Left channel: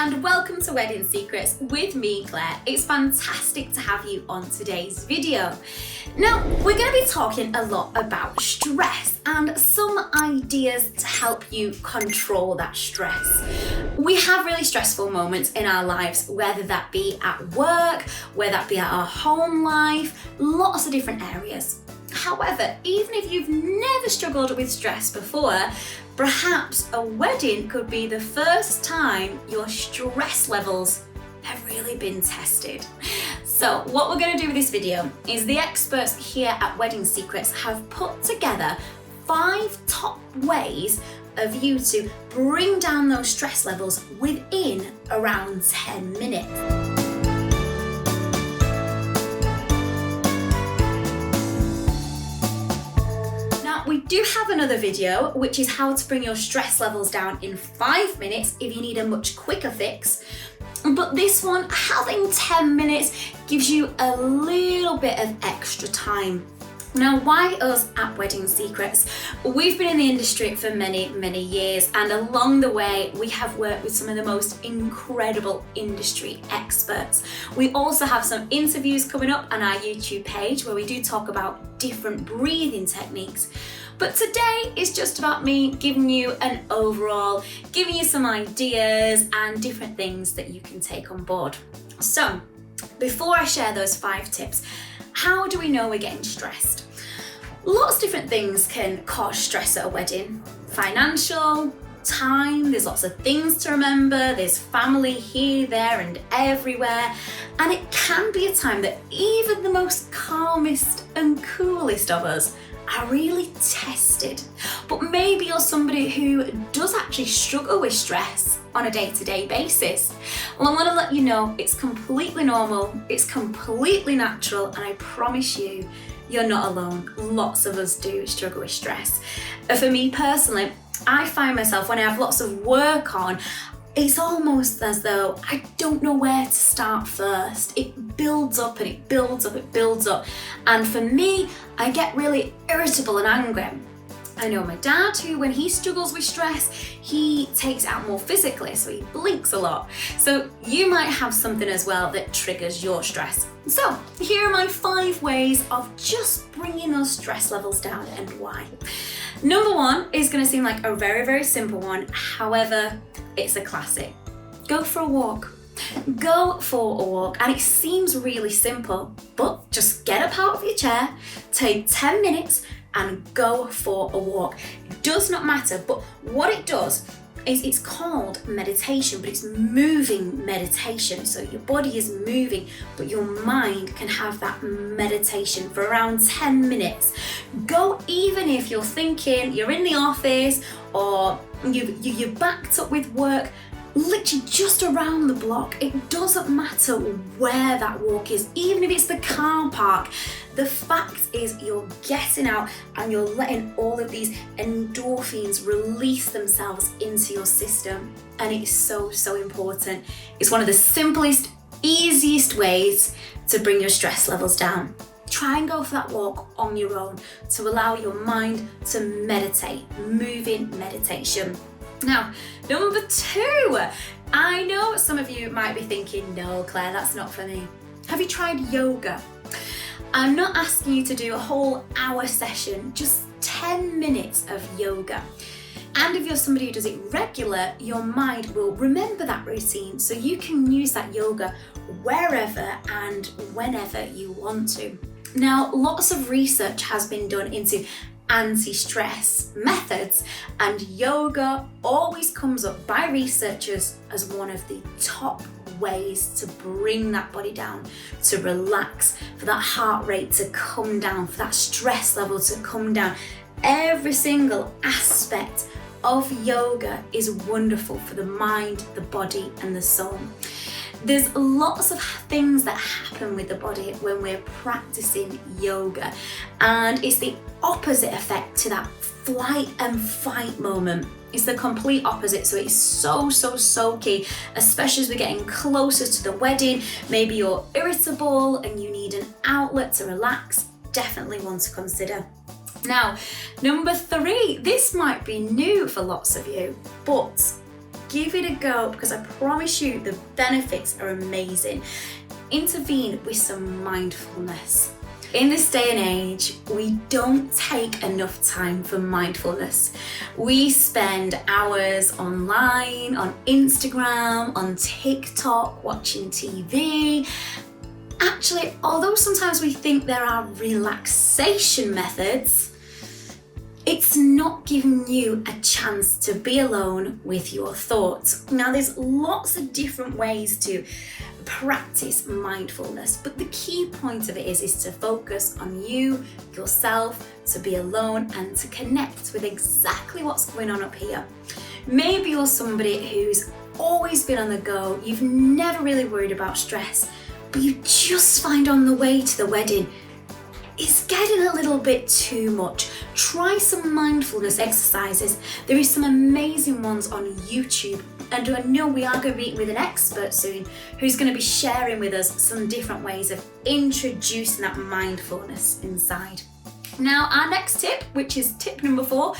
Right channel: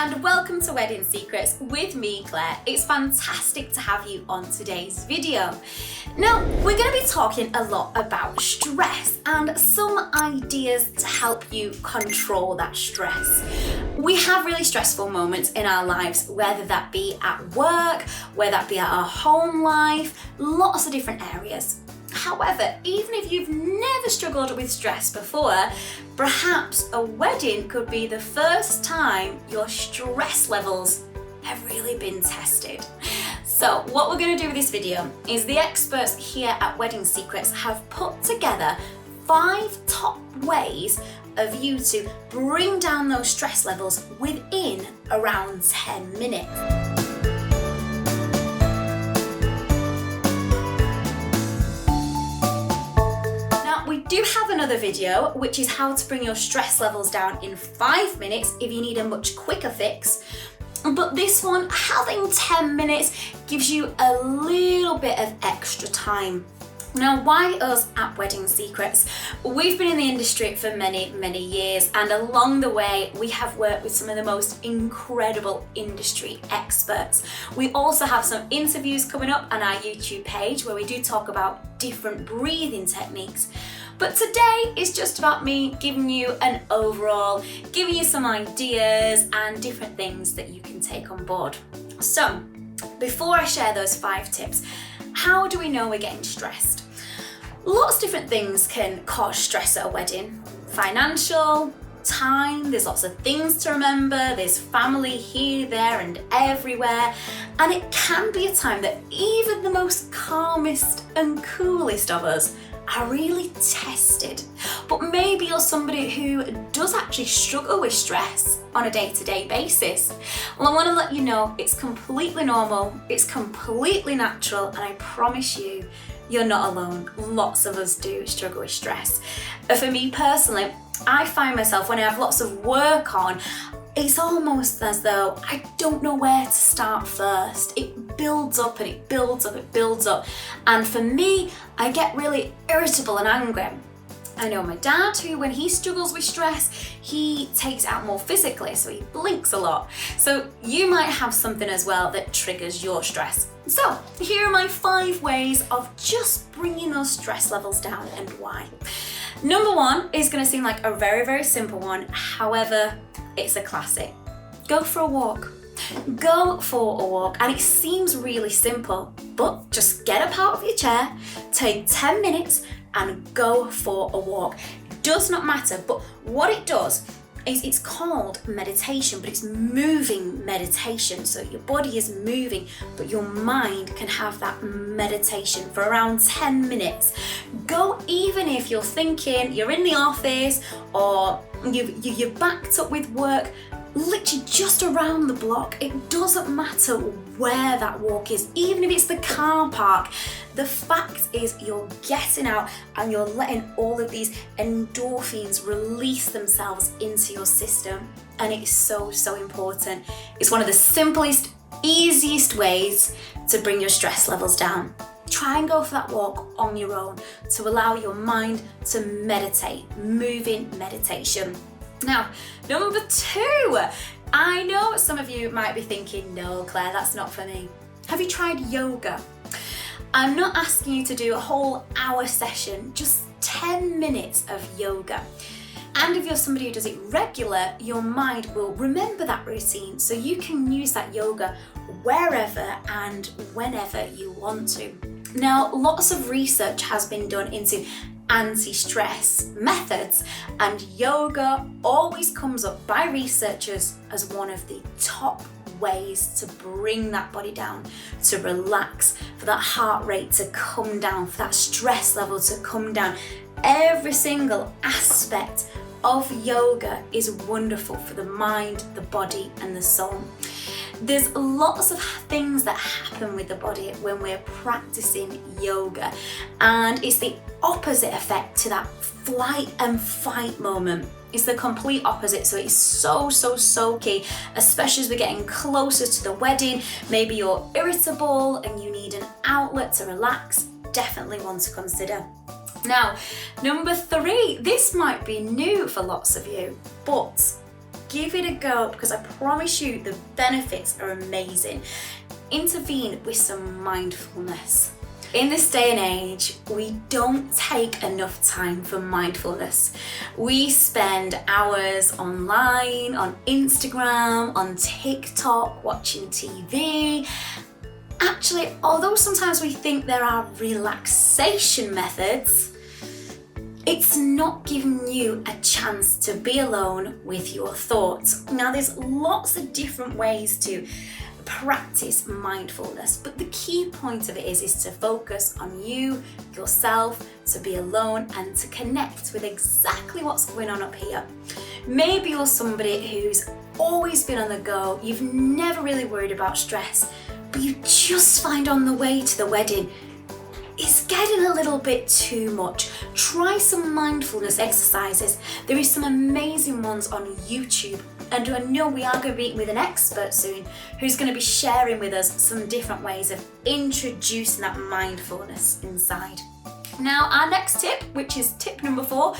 and welcome to Wedding Secrets with me, Claire. It's fantastic to have you on today's video. Now, we're going to be talking a lot about stress and some ideas to help you control that stress. We have really stressful moments in our lives, whether that be at work, whether that be at our home life, lots of different areas. However, even if you've never struggled with stress before, perhaps a wedding could be the first time your stress levels have really been tested. So what we're going to do with this video is the experts here at Wedding Secrets have put together 5 top ways of you to bring down those stress levels within around 10 minutes. We do have another video, which is how to bring your stress levels down in 5 minutes if you need a much quicker fix. But this one, having 10 minutes gives you a little bit of extra time. Now, why us at Wedding Secrets? We've been in the industry for many, many years, and along the way, we have worked with some of the most incredible industry experts. We also have some interviews coming up on our YouTube page where we do talk about different breathing techniques. But today is just about me giving you an overall, giving you some ideas and different things that you can take on board. So, before I share those 5 tips, how do we know we're getting stressed? Lots of different things can cause stress at a wedding. Financial, time, there's lots of things to remember, there's family here, there and everywhere. And it can be a time that even the most calmest and coolest of us are really tested. But maybe you're somebody who does actually struggle with stress on a day-to-day basis. Well, I want to let you know it's completely normal, it's completely natural, and I promise you, you're not alone. Lots of us do struggle with stress. For me personally, I find myself when I have lots of work on, it's almost as though I don't know where to start first. It builds up and it builds up, it builds up. And for me, I get really irritable and angry. I know my dad, who when he struggles with stress, he takes it out more physically, so he blinks a lot. So you might have something as well that triggers your stress. So here are my 5 ways of just bringing those stress levels down and why. Number 1 is going to seem like a very, very simple one. However, it's a classic. Go for a walk. Go for a walk. And it seems really simple, but just get up out of your chair, take 10 minutes and go for a walk. It does not matter, but what it does is it's called meditation, but it's moving meditation. So your body is moving, but your mind can have that meditation for around 10 minutes. Go even if you're thinking you're in the office or you're backed up with work, literally just around the block. It doesn't matter where that walk is, even if it's the car park. The fact is you're getting out and you're letting all of these endorphins release themselves into your system. And it's so, so important. It's one of the simplest, easiest ways to bring your stress levels down. Try and go for that walk on your own to allow your mind to meditate, moving meditation. Now, number 2, I know some of you might be thinking, no, Claire, that's not for me. Have you tried yoga? I'm not asking you to do a whole hour session, just 10 minutes of yoga. And if you're somebody who does it regular, your mind will remember that routine, so you can use that yoga wherever and whenever you want to. Now, lots of research has been done into anti-stress methods, and yoga always comes up by researchers as one of the top ways to bring that body down, to relax, for that heart rate to come down, for that stress level to come down. Every single aspect of yoga is wonderful for the mind, the body and the soul. There's lots of things that happen with the body when we're practicing yoga, and it's the opposite effect to that flight and fight moment. It's the complete opposite, so it's so key, especially as we're getting closer to the wedding. Maybe you're irritable and you need an outlet to relax. Definitely one to consider. Now, number 3, this might be new for lots of you, but give it a go, because I promise you the benefits are amazing. Intervene with some mindfulness. In this day and age, we don't take enough time for mindfulness. We spend hours online, on Instagram, on TikTok, watching TV. Actually, although sometimes we think there are relaxation methods, it's not giving you a chance to be alone with your thoughts. Now, there's lots of different ways to practice mindfulness, but the key point of it is to focus on you, yourself, to be alone and to connect with exactly what's going on up here. Maybe you're somebody who's always been on the go, you've never really worried about stress, but you just find on the way to the wedding it's getting a little bit too much. Try some mindfulness exercises. There is some amazing ones on YouTube, and I know we are going to be meeting with an expert soon who's going to be sharing with us some different ways of introducing that mindfulness inside. Now, our next tip, which is tip number 4,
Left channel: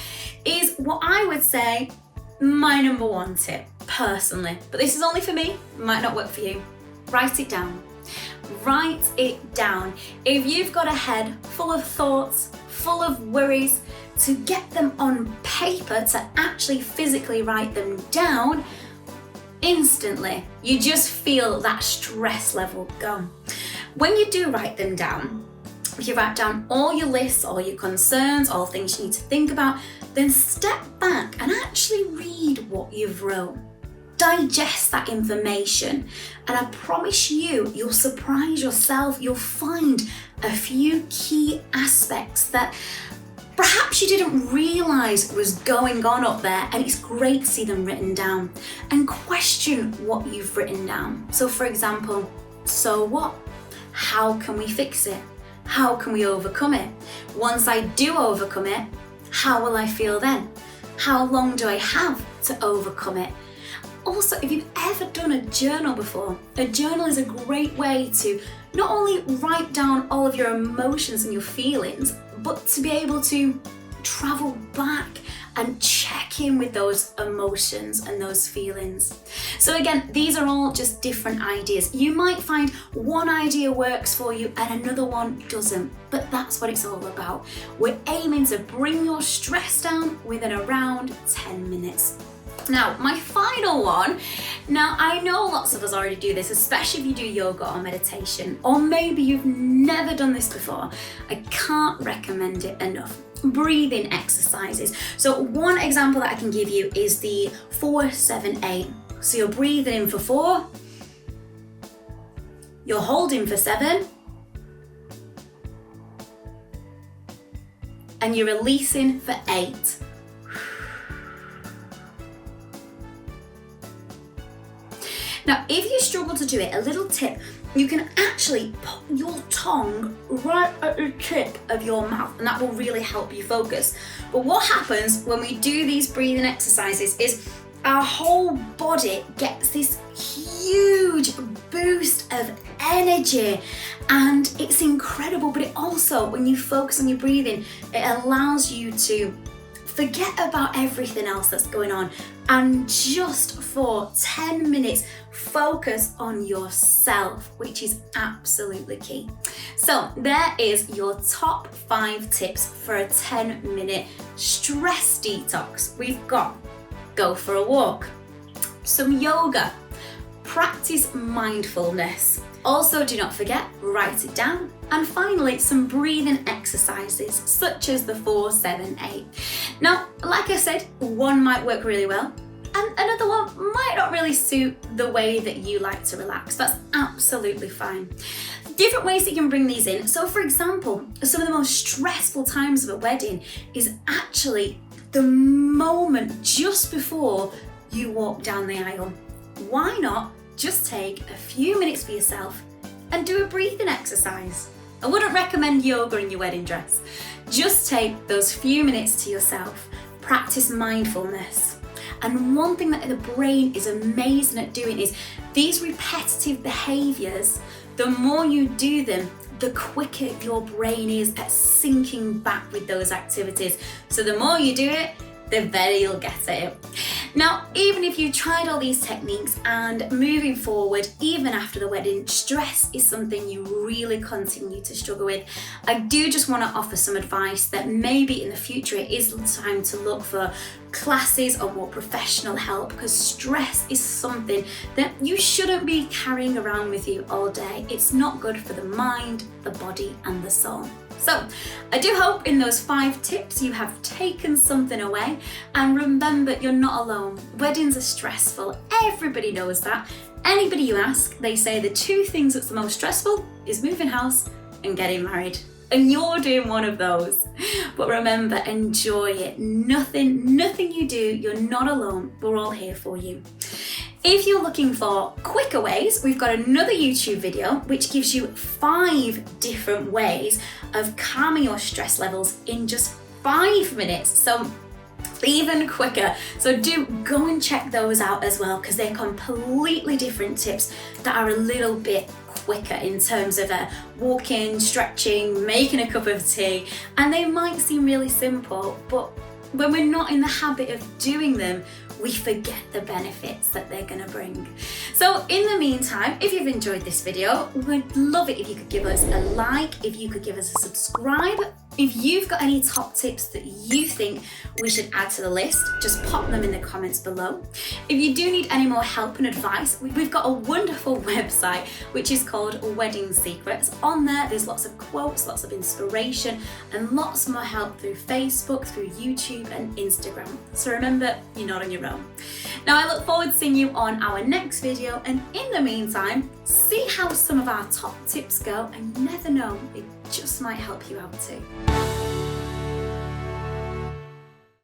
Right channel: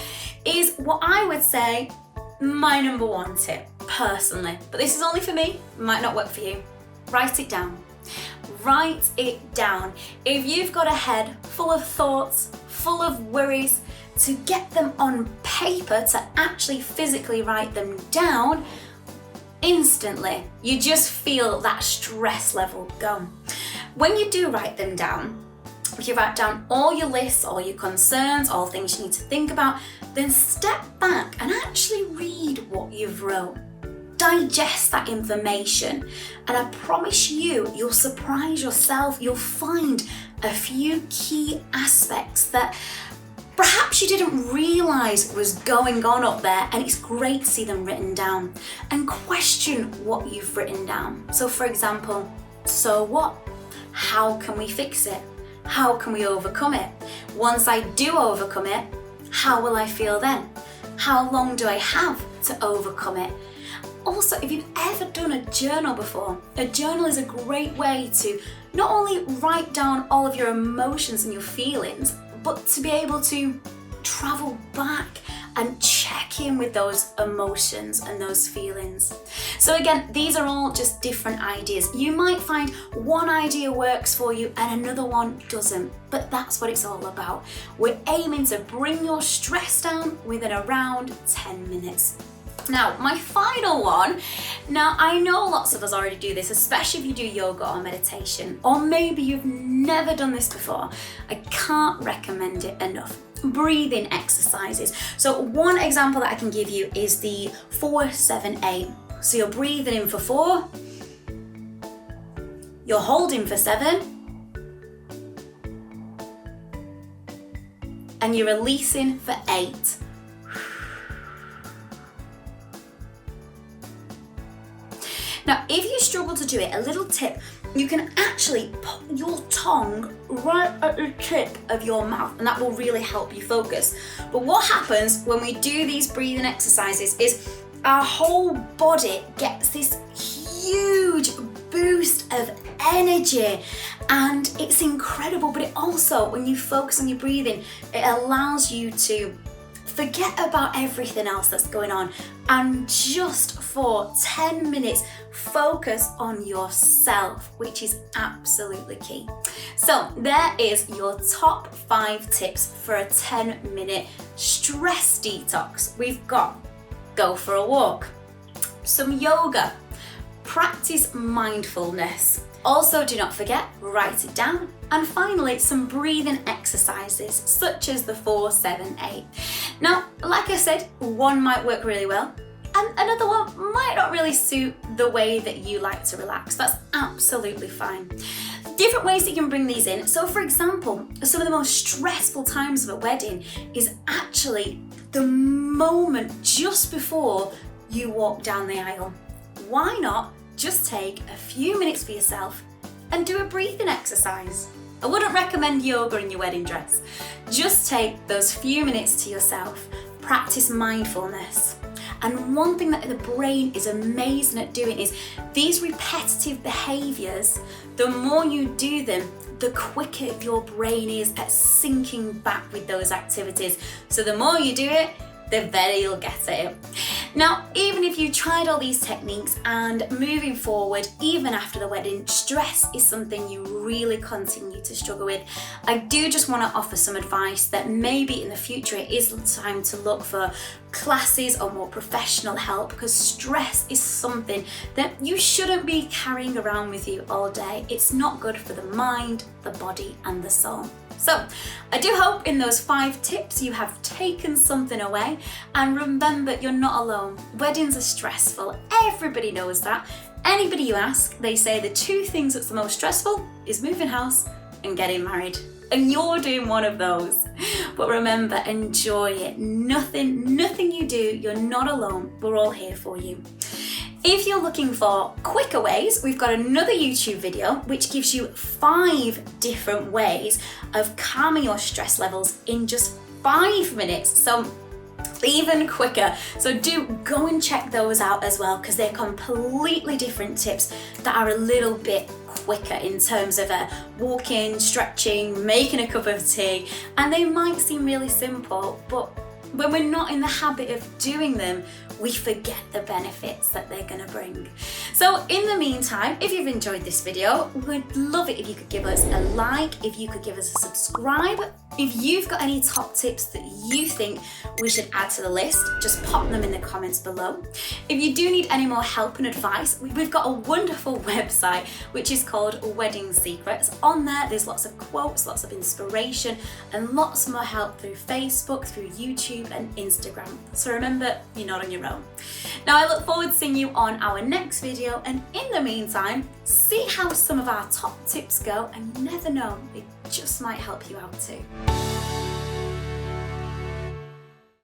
is what I would say my number 1 tip personally, but this is only for me, might not work for you. Write it down. Write it down. If you've got a head full of thoughts, full of worries, to get them on paper, to actually physically write them down, instantly you just feel that stress level go. When you do write them down, if you write down all your lists, all your concerns, all things you need to think about, then step back and actually read what you've wrote. Digest that information, and I promise you, you'll surprise yourself. You'll find a few key aspects that perhaps you didn't realize was going on up there, and it's great to see them written down and question what you've written down. So for example, so what? How can we fix it? How can we overcome it? Once I do overcome it, how will I feel then? How long do I have to overcome it? Also, if you've ever done a journal before, a journal is a great way to not only write down all of your emotions and your feelings, but to be able to travel back and check in with those emotions and those feelings. So again, these are all just different ideas. You might find one idea works for you and another one doesn't, but that's what it's all about. We're aiming to bring your stress down within around 10 minutes. Now, my final one, now I know lots of us already do this, especially if you do yoga or meditation, or maybe you've never done this before. I can't recommend it enough. Breathing exercises. So one example that I can give you is the 4-7-8. So you're breathing in for 4, you're holding for 7, and you're releasing for 8. Now, if you struggle to do it, a little tip, you can actually put your tongue right at the tip of your mouth, and that will really help you focus. But what happens when we do these breathing exercises is our whole body gets this huge boost of energy, and it's incredible. But it also, when you focus on your breathing, it allows you to forget about everything else that's going on, and just for 10 minutes focus on yourself, which is absolutely key. So there is your top 5 tips for a 10-minute stress detox. We've got go for a walk, some yoga, practice mindfulness. Also, do not forget, write it down. And finally, some breathing exercises such as the 4-7-8. Now, like I said, one might work really well, and another one might not really suit the way that you like to relax. That's absolutely fine. Different ways that you can bring these in. So for example, some of the most stressful times of a wedding is actually the moment just before you walk down the aisle. Why not just take a few minutes for yourself and do a breathing exercise? I wouldn't recommend yoga in your wedding dress. Just take those few minutes to yourself. Practice mindfulness. And one thing that the brain is amazing at doing is these repetitive behaviors, the more you do them, the quicker your brain is at syncing back with those activities. So the more you do it, they bet you'll get it. Now, even if you tried all these techniques and moving forward, even after the wedding, stress is something you really continue to struggle with, I do just want to offer some advice that maybe in the future it is time to look for classes or more professional help, because stress is something that you shouldn't be carrying around with you all day. It's not good for the mind, the body, and the soul. So I do hope in those 5 tips you have taken something away, and remember, you're not alone. Weddings are stressful. Everybody knows that. Anybody you ask, they say the 2 things that's the most stressful is moving house and getting married. And you're doing one of those. But remember, enjoy it. Nothing you do, you're not alone. We're all here for you. If you're looking for quicker ways, we've got another YouTube video which gives you 5 different ways of calming your stress levels in just 5 minutes. So even quicker. So do go and check those out as well, because they're completely different tips that are a little bit quicker in terms of walking, stretching, making a cup of tea, and they might seem really simple, but when we're not in the habit of doing them, we forget the benefits that they're going to bring. So in the meantime, if you've enjoyed this video, we'd love it if you could give us a like, if you could give us a subscribe. If you've got any top tips that you think we should add to the list, just pop them in the comments below. If you do need any more help and advice, we've got a wonderful website which is called Wedding Secrets. On there, there's lots of quotes, lots of inspiration, and lots more help through Facebook, through YouTube and Instagram. So remember, you're not on your own. Now I look forward to seeing you on our next video, and in the meantime, see how some of our top tips go, and you never know, they just might help you out too.